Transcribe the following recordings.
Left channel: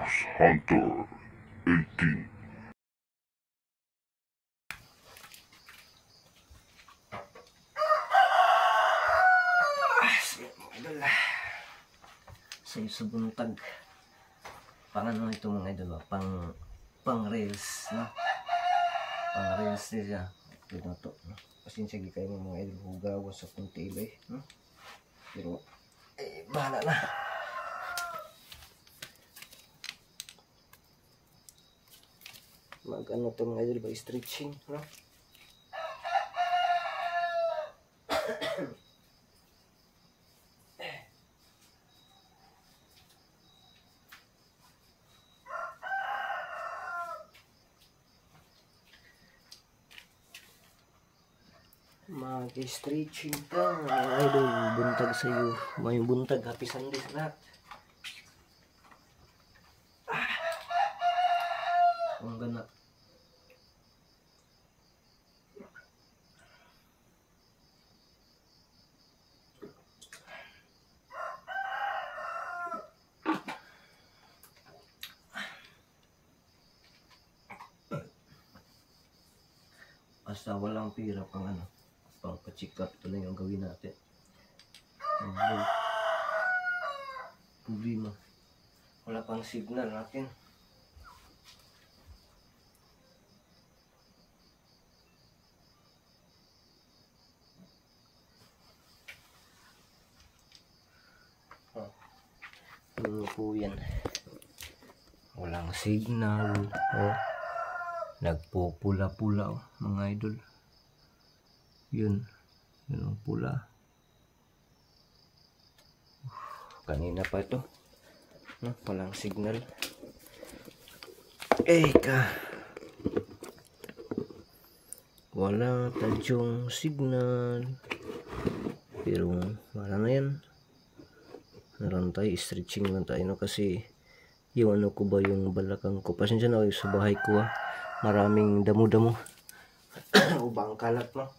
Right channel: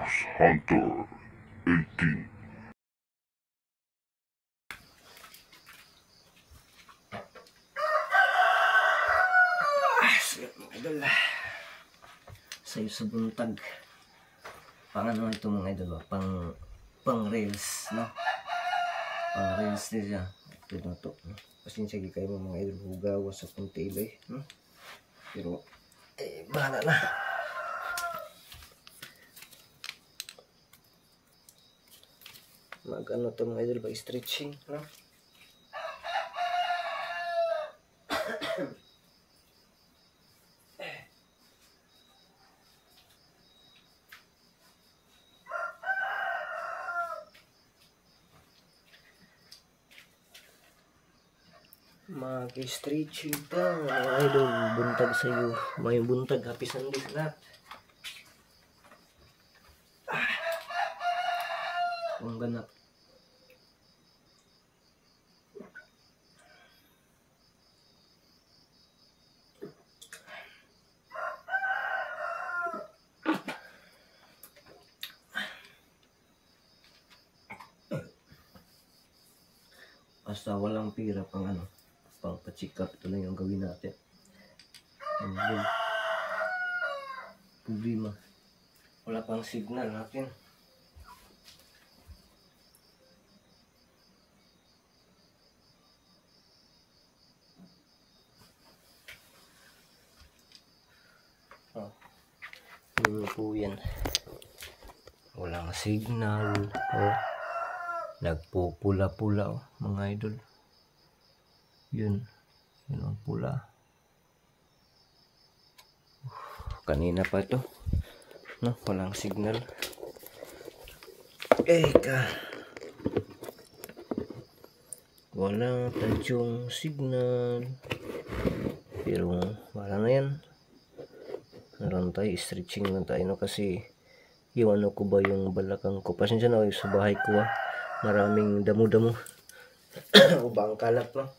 Ghost Hunter 18. Mga idol, sayo sa buntag. Pang ano ito mga idol, pang reels, no? Pang reels niya. Ito na to, no? Pasensya kayo mga idol, hugawa sa kunti iba no? Pero bahala na. Mag ano to mga idol ba, stretching, no? Mag-stretching pa mga idol, buntag sa'yo. May buntag, happy Sunday sa lahat. Ang ganap. Basta walang pira pang ano, pang pa-check up, ito lang yung gawin natin. Ang problema, wala pang signal natin. Ano po yan, walang signal. Nagpupula-pula mga idol. Yun ang pula. Kanina pa to, no? Walang signal. Wala tadyong signal. Pero wala na yan. Naroon tayo, stretching lang tayo, no? Kasi yung ano ko ba, yung balakang ko, pasensya na sa bahay ko, maraming damo-damo. Ubang kalat, no?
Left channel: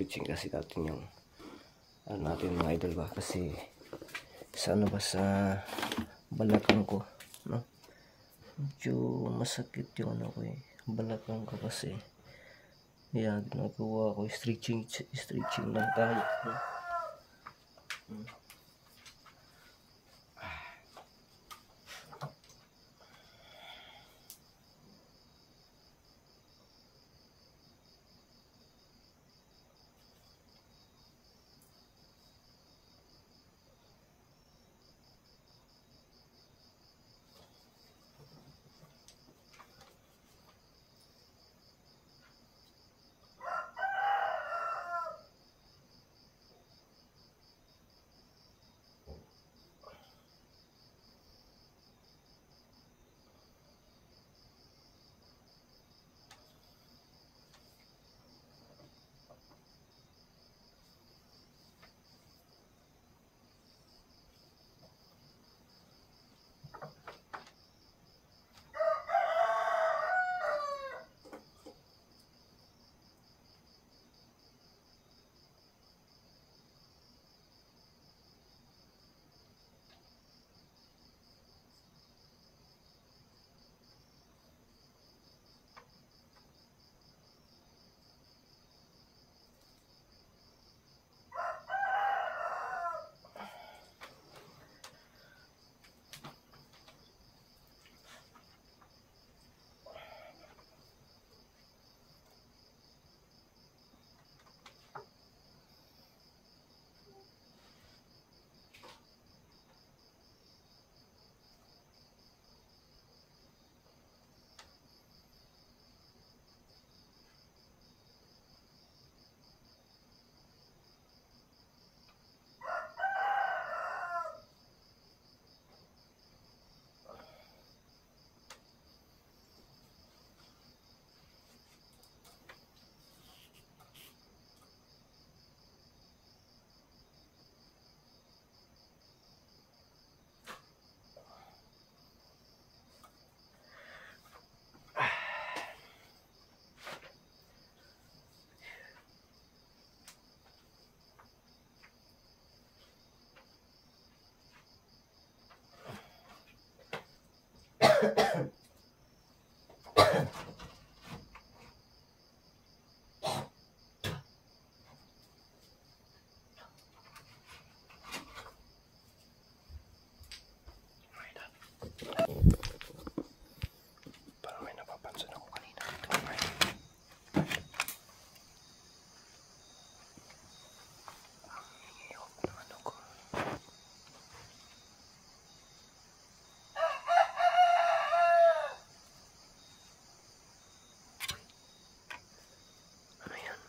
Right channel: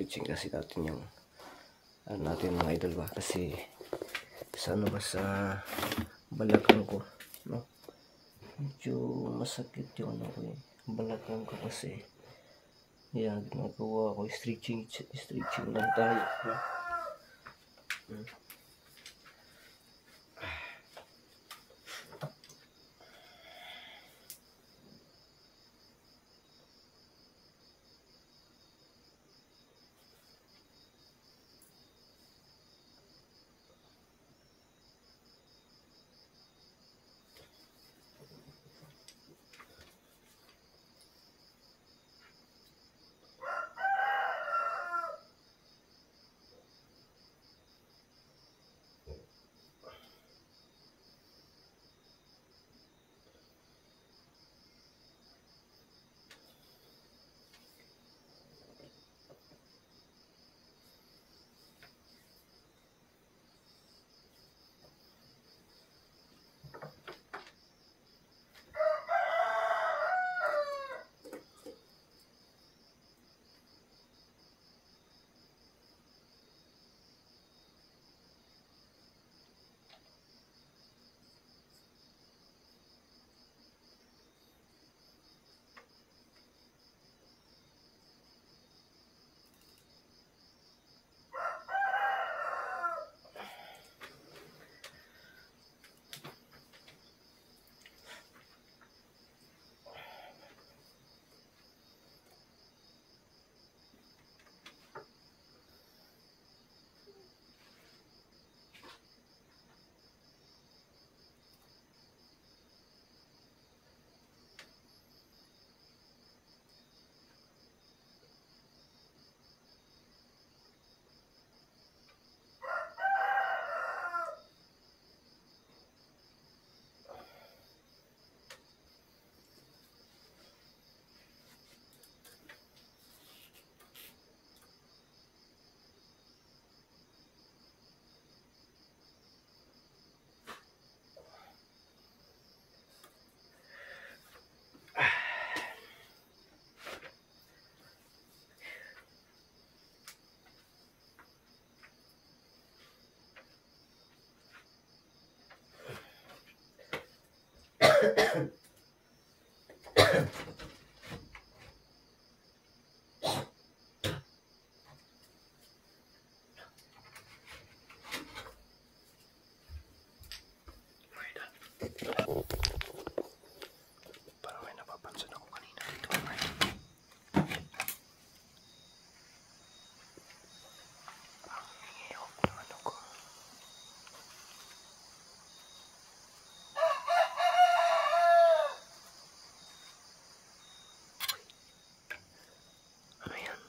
stretching kasi natin yung ano natin mga idol ba, kasi sa ano ba, sa balakang ko, no, medyo masakit yung ano ko balakang ko kasi. Yeah, ginagawa ko stretching lang tayo, no? Parang may napapansin ako kanina dito. Ang hingiyok ng ano ko. Ano yan?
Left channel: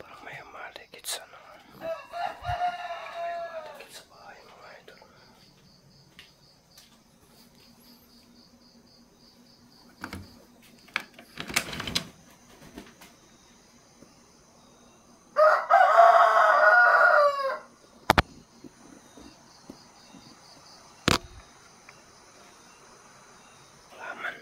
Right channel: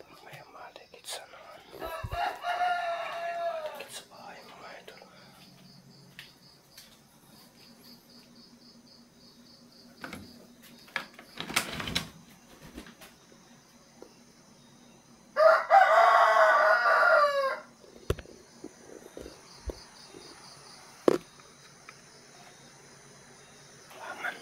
Parang may malikit sa naman. May malikit sa bahay mga idol. Laman.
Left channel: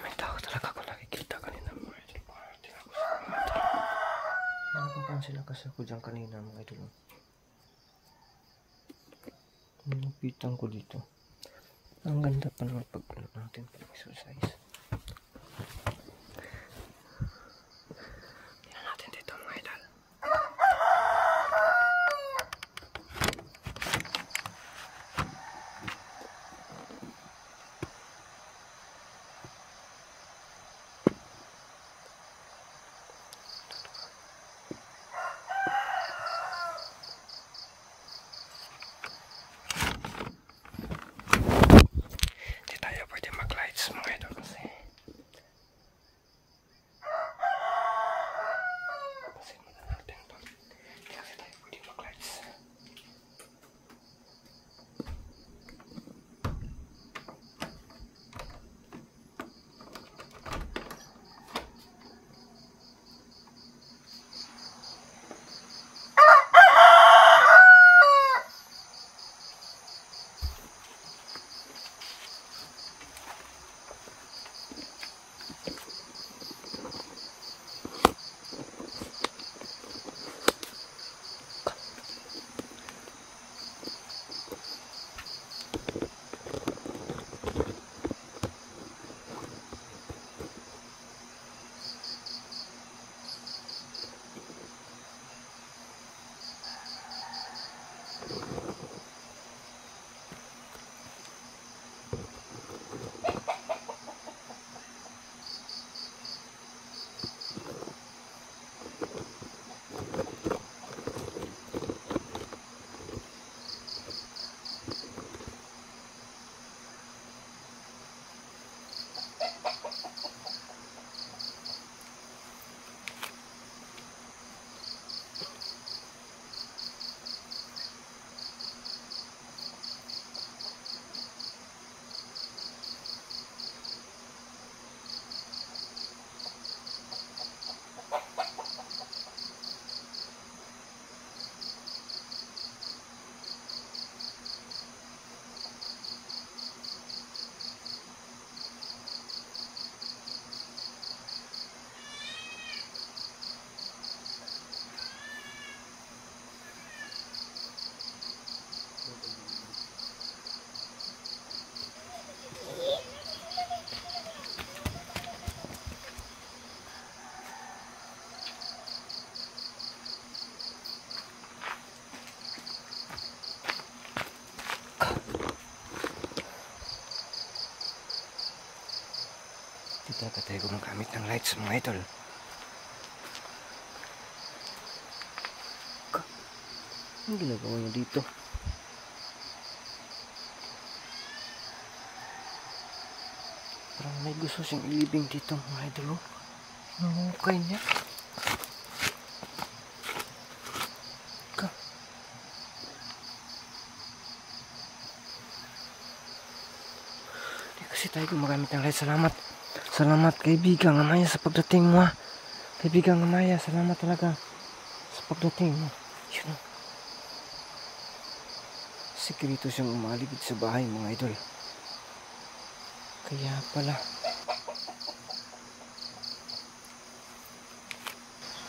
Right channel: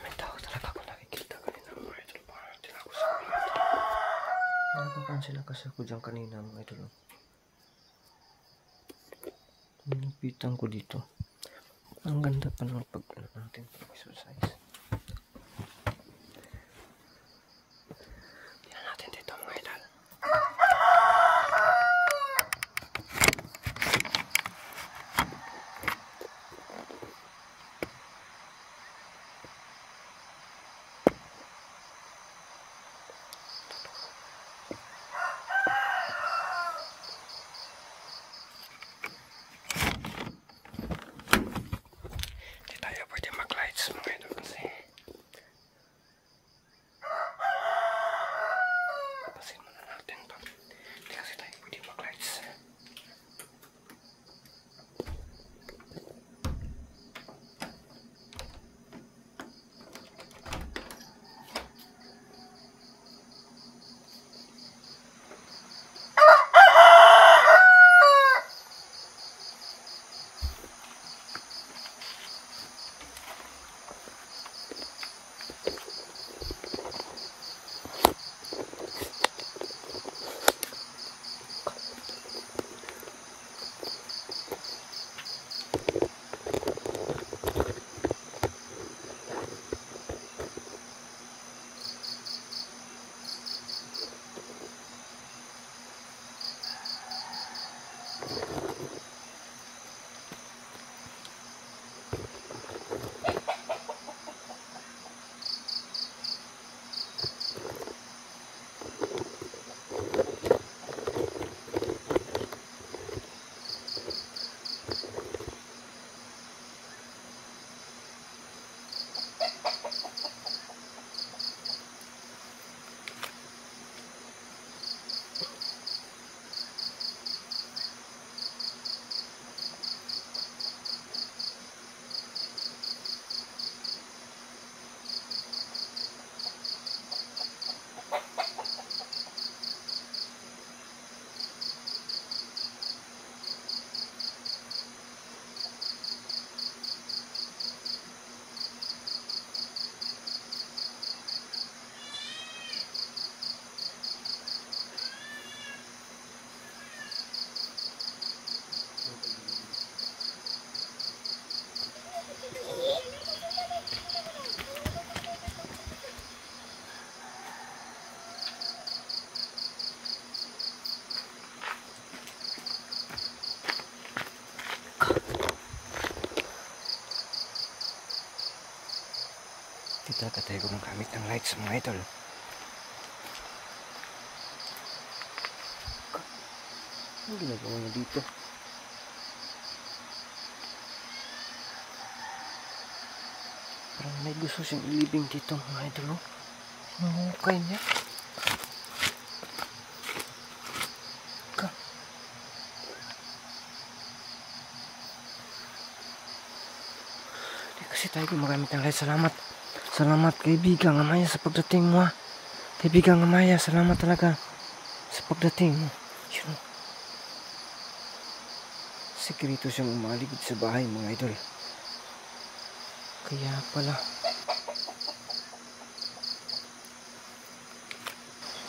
May tao talaga ako nakikita kanina mga idol. Parang ako sa mga idol. Nakapansin lang kasi ako dyan kanina mga idol. Nipitan ko dito. Ang ganda pa naman pag natin pag-exercise. Tingnan natin dito mga idol. Hindi tayo pwede mag-lights mga idol kasi talaga tayo gumagamit ng lights mga idol. Ang ginagawa mo dito? Parang may gusto siyang ilibing dito mga idol. Hinuhukay niya. Hindi kasi tayo gumagamit ng lights. Salamat. Salamat kaibigang Amaya sa pagdating mo. Kaibigang Amaya, salamat talaga sa pagdating mo. Yun. Sekreto siyang umaligid sa bahay mga idol. Kaya pala.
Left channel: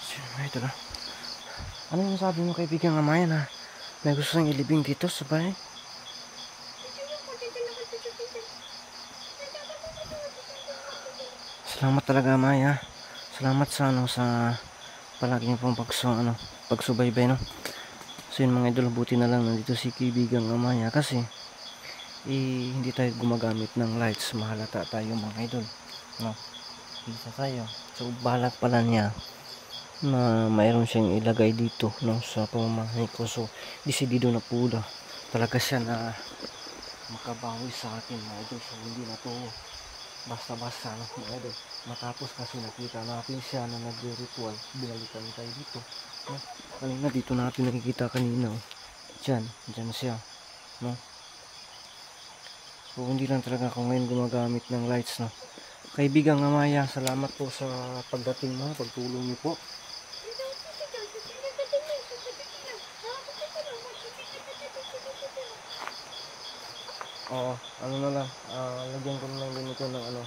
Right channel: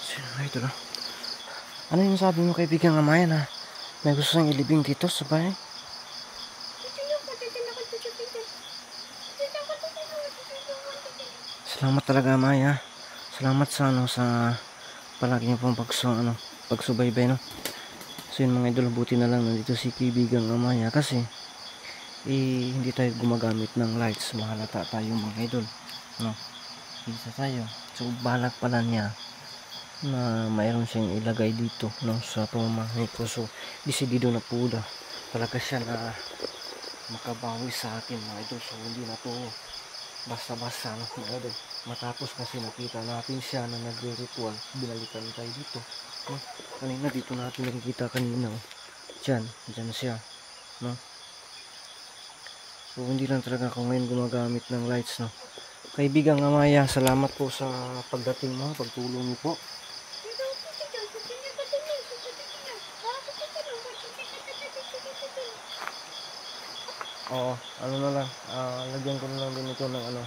Sino mga idol ha? Ano yung sabi mo kaibigang Amaya na may gusto siyang ilibing dito sa bahay? Salamat talaga Amaya. Salamat sa sa palagi niyo pong pagsubaybay no. So yun mga idol, buti na lang nandito si kaibigang Amaya kasi hindi tayo gumagamit ng lights, mahalata tayo mga idol no. Isa tayo. So balak pala niya na mayroon siyang ilagay dito no sa pamamahay ko. So desidido na po talaga siya na makabawi sa akin mga idol. So hindi na to basta-basta no mga idol. Matapos kasi nakita natin siya na nagre-ritual, binalikan tayo dito no? Kanina dito natin nakikita kanina oh. Diyan siya no? So hindi lang talaga ako ngayon gumagamit ng lights no. Kaibigang Amaya, salamat po sa pagdating mo, pagtulong niyo po. Oo, ano na lang, lagyan ko na lang din ito ng ano.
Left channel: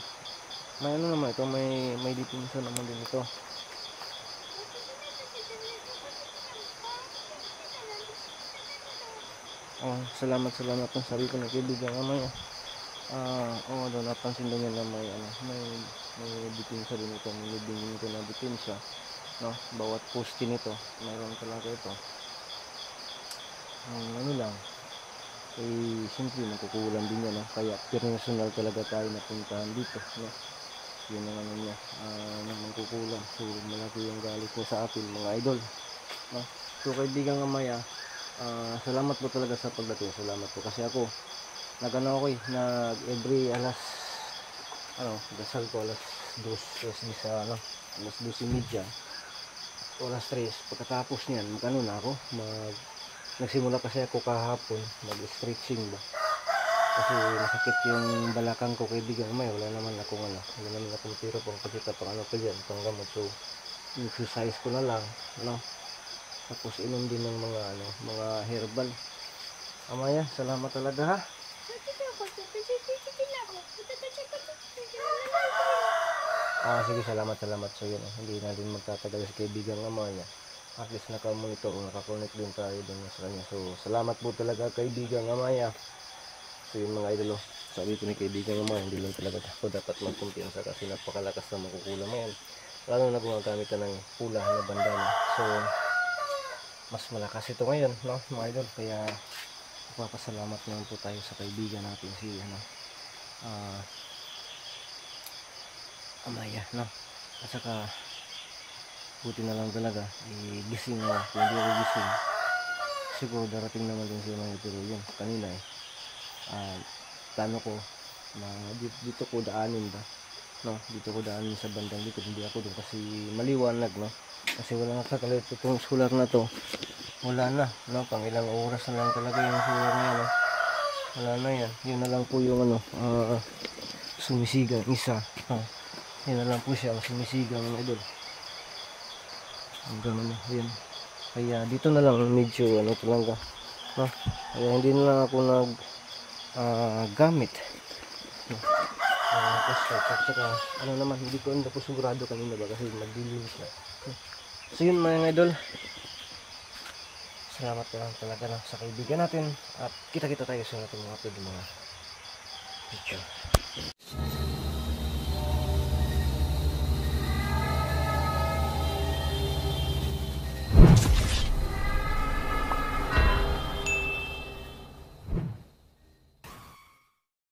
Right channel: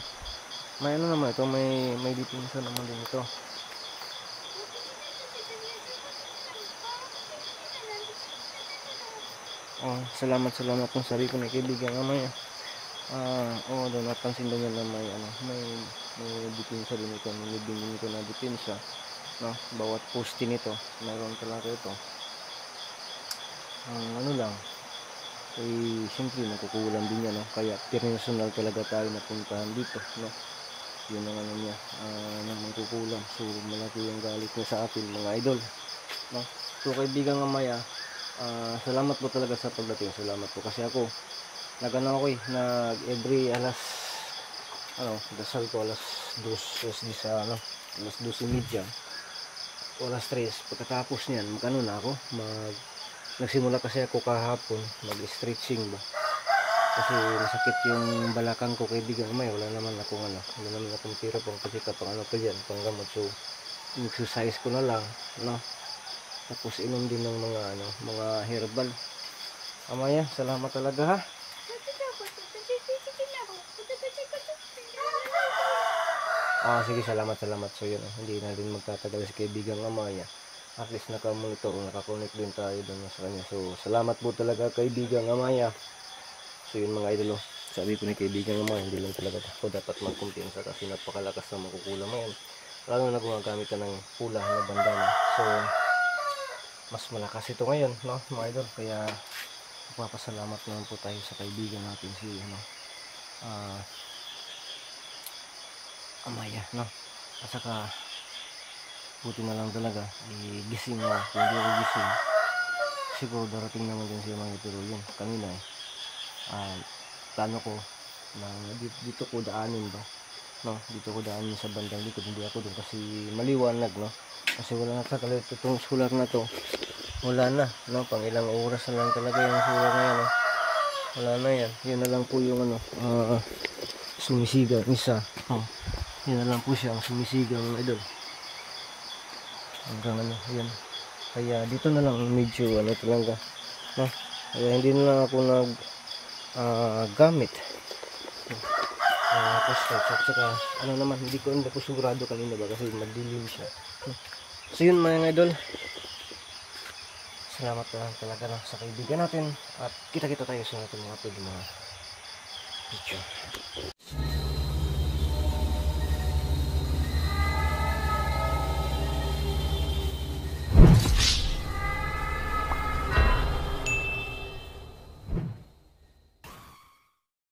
May ano naman ito, may detention naman din ito. Oh, salamat ng sabi ko na kaibigan Amaya. Oo, doon napansin din yan na may detention din ito, may libing din ito na detention. No, bawat poste nito, mayroon talaga ito. Ano lang, siyempre magkukulang din yan, no? Kaya personal talaga tayo napuntahan dito, no? Yun ang ano niya, na magkukulang. So malaki yung galit niya sa atin mga idol, no? So kaibigan Amaya, salamat po talaga sa pagdating. Salamat po kasi ako nagano ako nag every dasal ko alas 2 sa alas 12:30 o alas 3 pagkatapos niyan magano na ako nagsimula kasi ako kahapon mag-stretching ba kasi masakit yung balakang ko kaibigan Amaya. Wala naman akong pira pang pasika pang pa dyan, pang gamot. So exercise ko na lang no, tapos inom din ng mga herbal. Amaya, salamat talaga ha. Sige, salamat. So yun, hindi na din magtatagal si kaibigan Amaya. At least naka-monitor o naka-connect din tayo doon sa kanya. So salamat po talaga kaibigan Amaya. So yun mga idol, sabi ko ni kaibigan Amaya, hindi lang talaga ako dapat magkumpiyansa kasi napakalakas na makukulam ngayon. Lalo na gumagamit ka ng pula na bandana. So mas malakas ito ngayon no mga idol. Kaya magpapasalamat naman po tayo sa kaibigan natin si Amaya no. At saka buti na lang talaga gising ako. Kung hindi ako gising siguro darating naman din si Amaya. Pero yun kanina plano ko na dito ko daanin ba no, dito ko daanin sa bandang likod, hindi ako doon kasi maliwanag no, kasi wala na talaga itong solar na to, wala na no, pang ilang oras na lang talaga yung solar na yan no? Wala na yan, yun na lang po yung sumisigang isa yun na lang po siya ang sumisigang idol hanggang yun. Kaya dito na lang medyo talaga no, kaya hindi na lang ako gamit at saka naman hindi ko po sigurado kanina ba kasi madilim siya. So yun mga idol, salamat na lang talaga sa kaibigan natin at kita tayo sa ating mga video.